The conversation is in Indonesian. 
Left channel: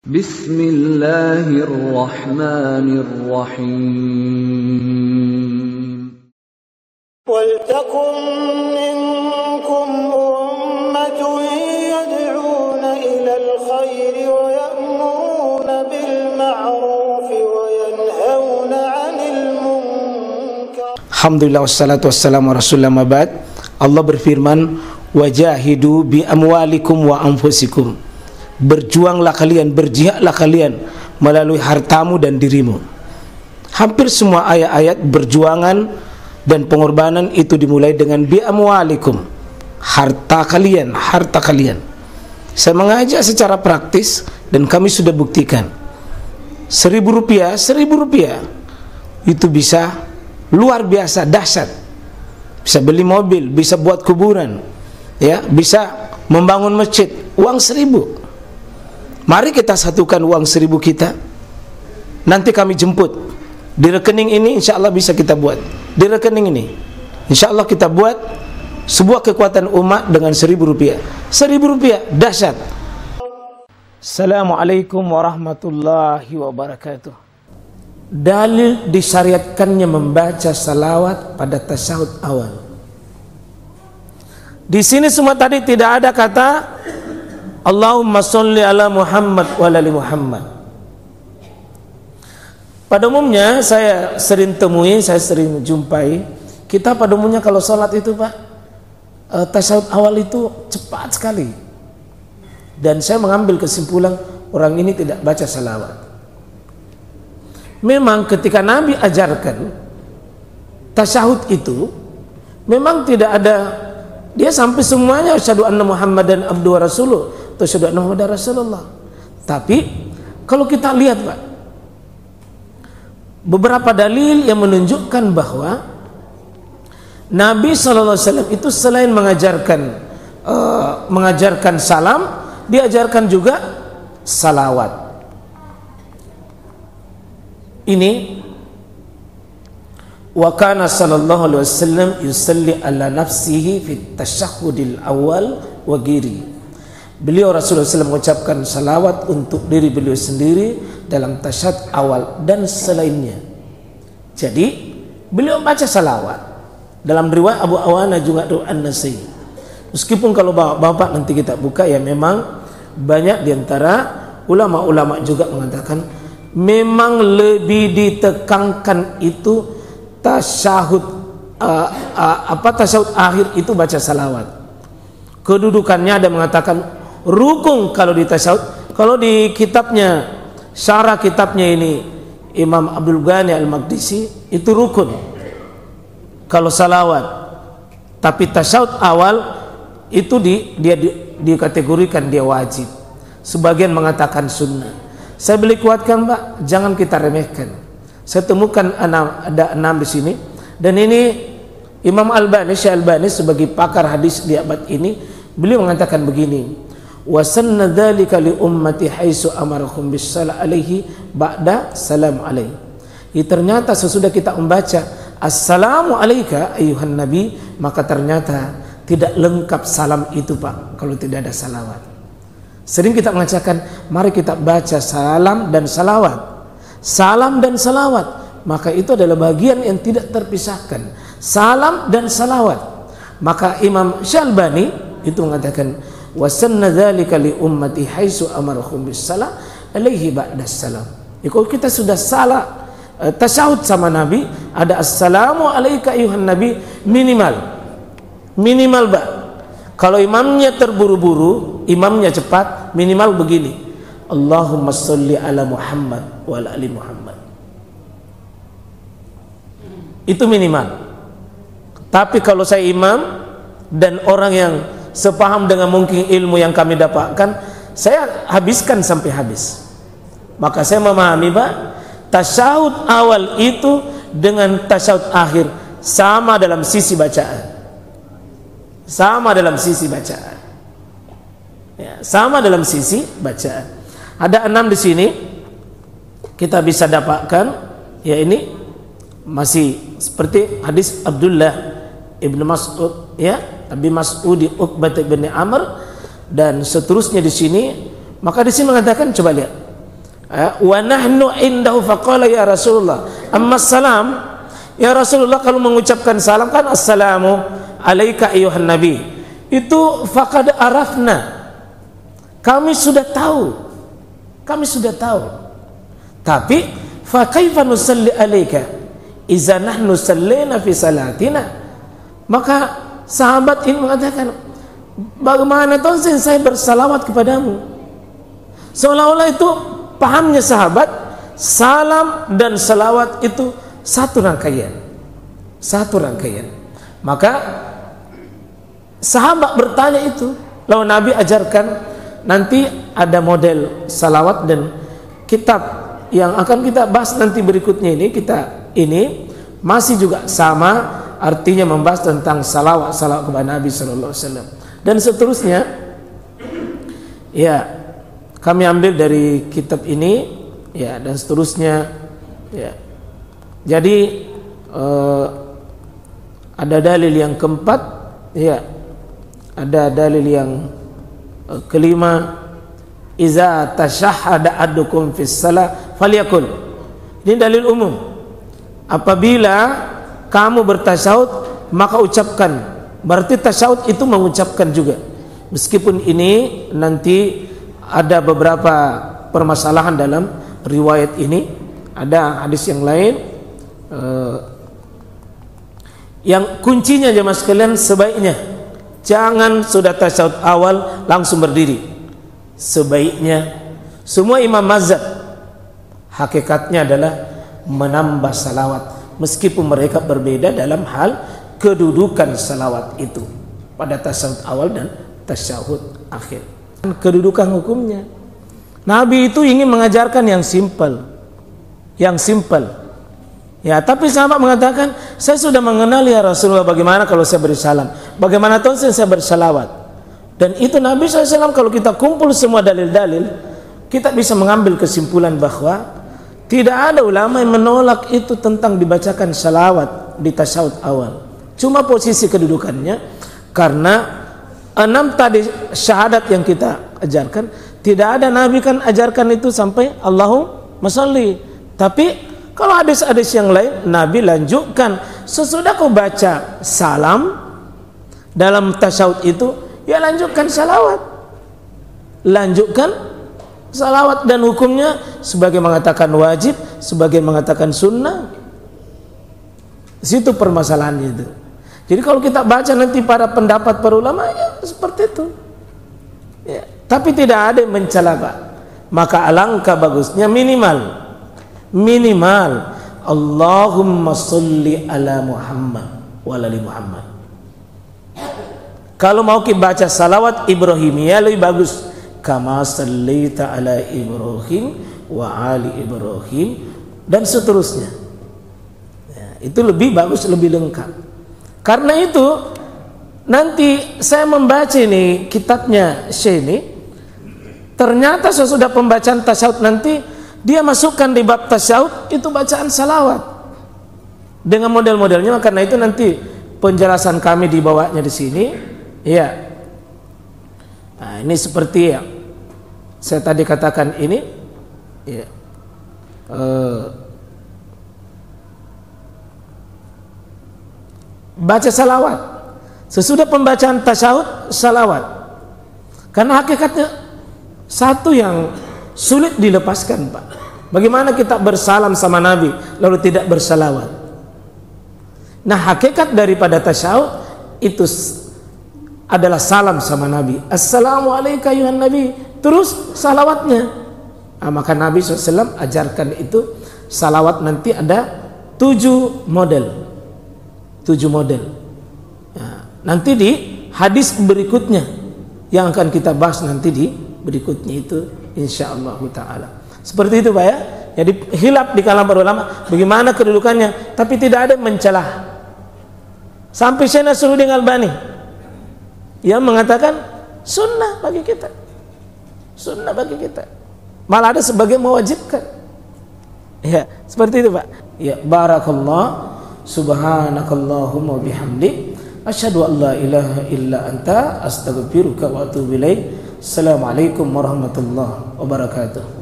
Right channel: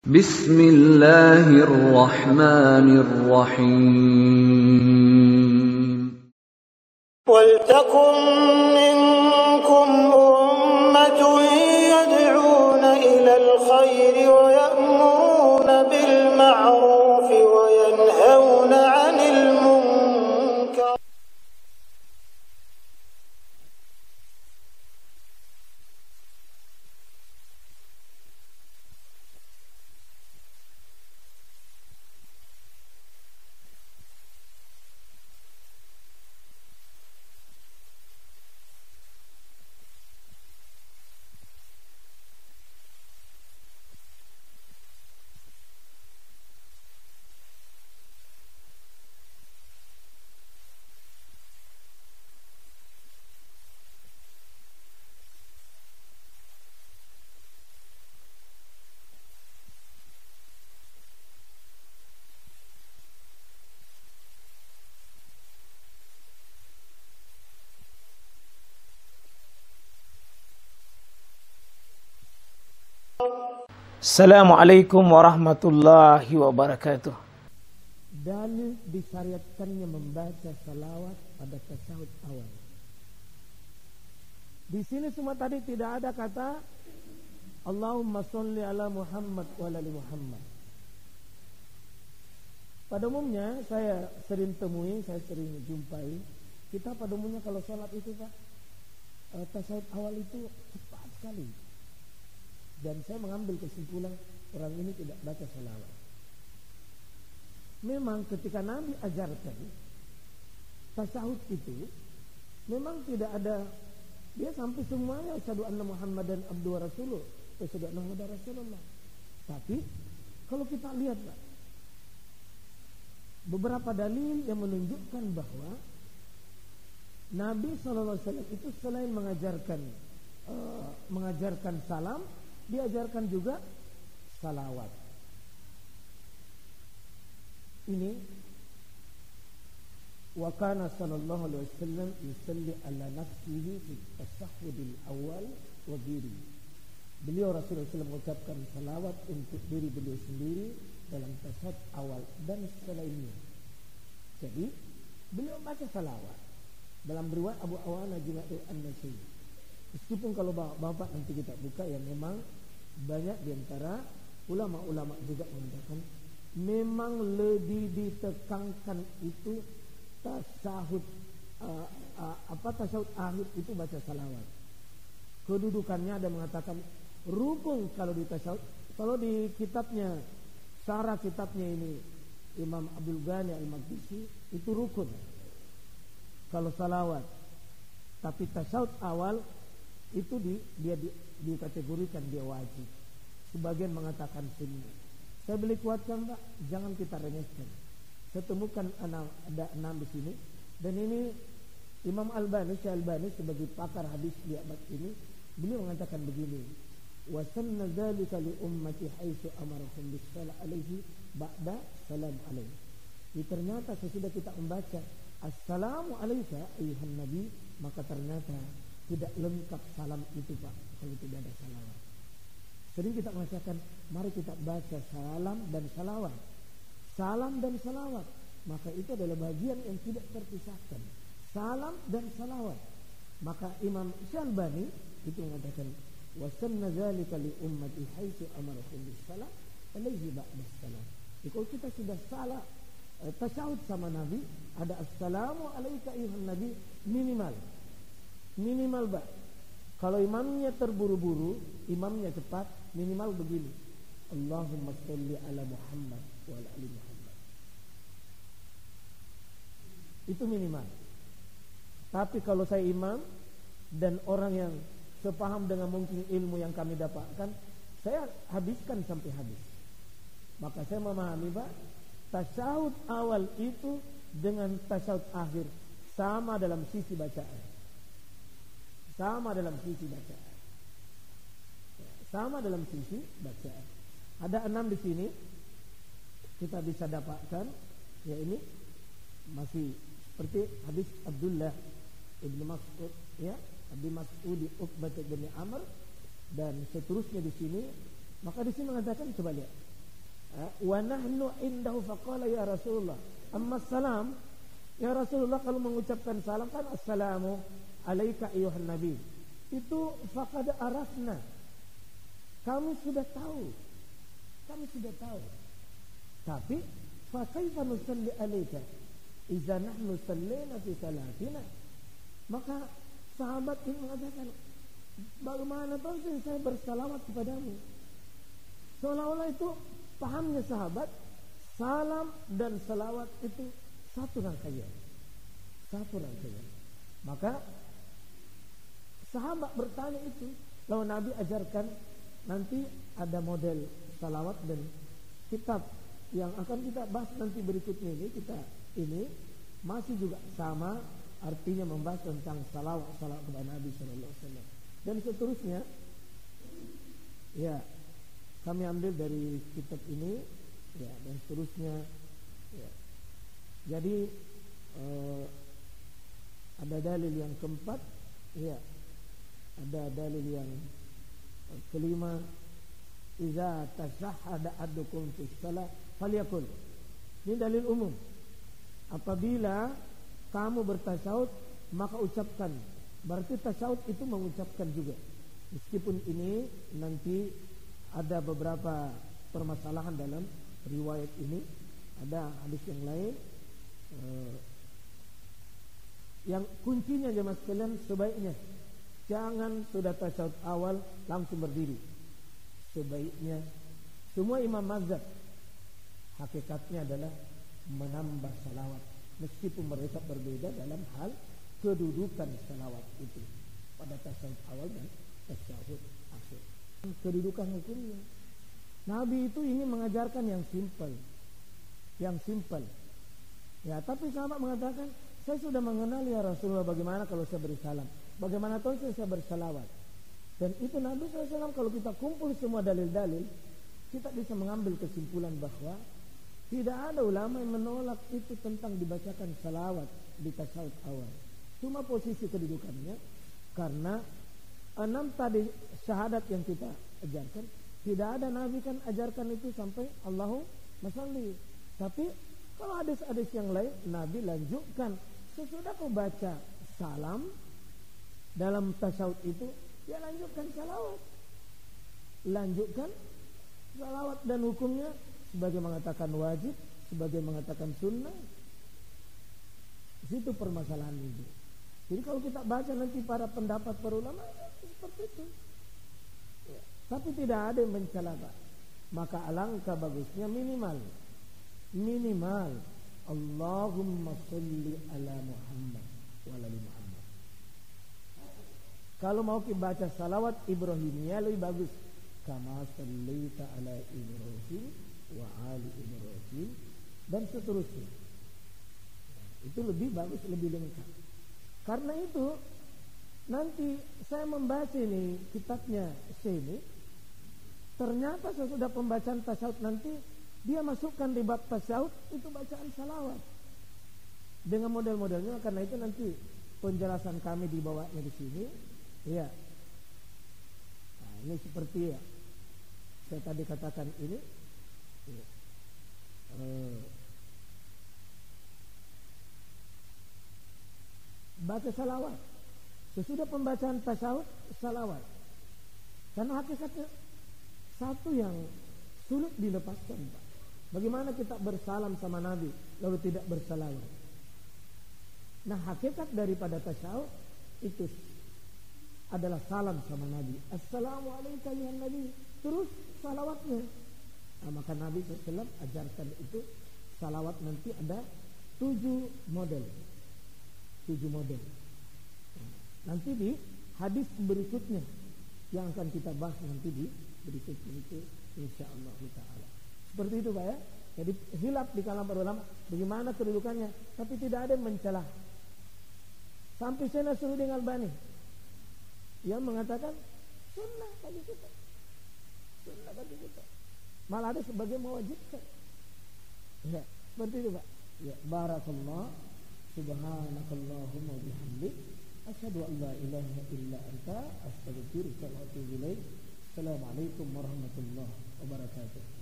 Bismillahirrahmanirrahim. Waltakum minkum ummatun yad'una ilal khairi wa ya'muruna bil ma'rufi wa yanhauna 'anil munkar. Alhamdulillah wassalatu wassalamu ala rasulillah ma ba'd. Allah berfirman, wajahidu bi amwalikum wa anfusikum. Berjuanglah kalian, berjihadlah kalian melalui hartamu dan dirimu. Hampir semua ayat-ayat berjuangan dan pengorbanan itu dimulai dengan bi amwalikum, harta kalian, harta kalian. Saya mengajak secara praktis dan kami sudah buktikan. Rp1.000 itu bisa luar biasa dahsyat. Bisa beli mobil, bisa buat kuburan, ya, bisa membangun masjid. Uang 1.000. Mari kita satukan uang 1.000 kita. Nanti kami jemput di rekening ini, insya Allah bisa kita buat. Di rekening ini, insya Allah kita buat sebuah kekuatan umat dengan Rp1.000. Rp1.000 dahsyat. Assalamualaikum warahmatullahi wabarakatuh. Dalil disyariatkannya membaca salawat pada tasyahud awal. Di sini semua tadi tidak ada kata Allahumma sholli ala Muhammad wa ali Muhammad. Pada umumnya saya sering temui, saya sering jumpai, kita pada umumnya kalau sholat itu Pak, tasyahud awal itu cepat sekali. Dan saya mengambil kesimpulan orang ini tidak baca salawat. Memang ketika Nabi ajarkan tasyahud itu, memang tidak ada, dia sampai semuanya asyhadu anna Muhammadan abduhu wa rasuluh, atau asyhadu anna Muhammadar Rasulullah. Tapi kalau kita lihat Pak, beberapa dalil yang menunjukkan bahwa Nabi SAW itu selain mengajarkan salam, diajarkan juga salawat. Ini wa kana sallallahu alaihi wasallam yusalli ala nafsihi fi tasyahhudil awal wa ghairi. Beliau Rasulullah SAW mengucapkan salawat untuk diri beliau sendiri dalam tasyahud awal dan selainnya. Jadi beliau baca salawat. Dalam riwayat Abu Awana juga riwayat An-Nasai. Meskipun kalau bapak nanti kita buka, ya memang banyak diantara ulama-ulama juga mengatakan memang lebih ditekankan itu tasyahud tasyahud akhir itu baca salawat. Kedudukannya ada mengatakan rukun kalau di tasyahud. Kalau di kitabnya, syarah kitabnya ini Imam Abdul Ghani Al-Maqdisi, itu rukun kalau salawat. Tapi tasyahud awal itu dia dikategorikan dia wajib. Sebagian mengatakan sunnah. Saya boleh kuatkan Pak, jangan kita remehkan. Saya temukan ada 6 di sini, dan ini Imam Albani, Syekh Albani sebagai pakar hadis di abad ini, beliau mengatakan begini: wa sanna dzalika li ummati haitsu amarahum bis-salah alaihi ba'da salam alaihi. Ternyata sesudah kita membaca assalamu alayka ayuhan nabi, maka ternyata tidak lengkap salam itu Pak kalau tidak ada salawat. Sering kita mengatakan mari kita baca salam dan salawat. Salam dan salawat, maka itu adalah bagian yang tidak terpisahkan. Salam dan salawat. Maka Imam Syalbani itu mengatakan wasanna dzalika li ummati haitsu amarahum bis-salah alaihi ba'da salam. Kalau kita sudah salah tasyahud sama Nabi, ada assalamu alayka ayuhan nabi, minimal Pak. Kalau imamnya terburu-buru, imamnya cepat, minimal begini: Allahumma sholli ala Muhammad wa ala ali Muhammad. Itu minimal. Tapi kalau saya imam dan orang yang sepaham dengan mungkin ilmu yang kami dapatkan, saya habiskan sampai habis. Maka saya memahami Pak, tasyahud awal itu dengan tasyahud akhir sama dalam sisi bacaan. Sama dalam sisi bacaan. Ya, sama dalam sisi bacaan. Ada 6 di sini kita bisa dapatkan, ya ini masih seperti hadis Abdullah ibnu Mas'ud, ya, Abi Mas'ud Uqbah bin Amr dan seterusnya di sini. Maka di sini mengatakan, coba lihat, Wa nahnu indahu faqala ya Rasulullah amma salam, ya Rasulullah kalau mengucapkan salam kan assalamu alaika ayyuhan nabi, itu faqad arafna, kami sudah tahu, tapi fa kaifa nusalli alaika idza nahnu sallaina fi salatina. Maka sahabat ini mengatakan, bagaimana tuh saya bersalawat kepadamu? Seolah-olah itu pahamnya sahabat, salam dan salawat itu satu rangkaian. Maka sahabat bertanya itu, lalu Nabi ajarkan, nanti ada model salawat dan kitab yang akan kita bahas nanti berikutnya ini masih juga sama, artinya membahas tentang salawat kepada Nabi sallallahu alaihi wasallam dan seterusnya. Ya, kami ambil dari kitab ini, ya, dan seterusnya, ya. Jadi ada dalil yang keempat, ya, ada dalil yang kelima, iza tashahhada adukum fis salah falyakul. Ini dalil umum. Apabila kamu bertasyahud maka ucapkan. Berarti tasyahud itu mengucapkan juga. Meskipun ini nanti ada beberapa permasalahan dalam riwayat ini, ada hadis yang lain. Yang kuncinya jemaah sekalian, sebaiknya jangan sudah tasyahud awal langsung berdiri. Sebaiknya semua imam mazhab hakikatnya adalah menambah salawat, meskipun mereka berbeda dalam hal kedudukan salawat itu pada tasyahud awal dan tasyahud akhir. Kedudukan hukumnya, Nabi itu ingin mengajarkan yang simpel, ya. Tapi sahabat mengatakan, saya sudah mengenal ya Rasulullah bagaimana kalau saya bersalam, bagaimana tuh saya bersalawat. Dan itu Nabi SAW, kalau kita kumpul semua dalil-dalil, kita bisa mengambil kesimpulan bahwa tidak ada ulama yang menolak itu tentang dibacakan salawat di tasyahud awal. Cuma posisi kedudukannya, karena 6 tadi syahadat yang kita ajarkan, tidak ada Nabi kan ajarkan itu sampai Allahumma sholli. Tapi kalau hadis-hadis yang lain, Nabi lanjutkan sesudah kau baca salam dalam tasyahud itu, ya lanjutkan salawat. Dan hukumnya sebagai mengatakan wajib, sebagai mengatakan sunnah. Situ permasalahannya itu. Jadi kalau kita baca nanti para pendapat para ulama, ya seperti itu, ya. Tapi tidak ada yang mencela, Pak. Maka alangkah bagusnya minimal Allahumma sholli ala Muhammad wa ala Muhammad. Kalau mau kita baca salawat Ibrahimiyah lebih bagus, kama sallaita ala Ibrahim wa ali Ibrahim, dan seterusnya, ya, itu lebih bagus, lebih lengkap. Karena itu nanti saya membaca ini kitabnya Syekh ini, ternyata sesudah pembacaan tasyahud nanti dia masukkan di bab tasyahud itu bacaan salawat dengan model-modelnya. Karena itu nanti penjelasan kami dibawanya di sini, ya. Nah, ini seperti yang saya tadi katakan ini, ya. Baca salawat sesudah pembacaan tasyahud, salawat. Karena hakikatnya satu yang sulit dilepaskan, Pak. Bagaimana kita bersalam sama Nabi lalu tidak bersalawat? Nah, hakikat daripada tasyahud itu adalah salam sama Nabi. Assalamualaikum ayuhan Nabi. Terus salawatnya. Nah, maka Nabi SAW ajarkan itu salawat nanti ada 7 model. 7 model. Nah, nanti di hadis berikutnya yang akan kita bahas nanti di berikutnya itu insyaallah ta'ala. Seperti itu, Pak, ya. Jadi hilaf di kalangan para ulama bagaimana kedudukannya, tapi tidak ada mencelah. Sampai Syekh Nasruddin Albani yang mengatakan sunnah bagi kita. Sunnah bagi kita. Malah ada sebagian mewajibkan. Ya, seperti itu, Pak. Ya, barakallah. Subhanakallahumma bihamdik asyhadu an la ilaha illa anta astaghfiruka wa atubu ilaik. Assalamualaikum warahmatullahi wabarakatuh.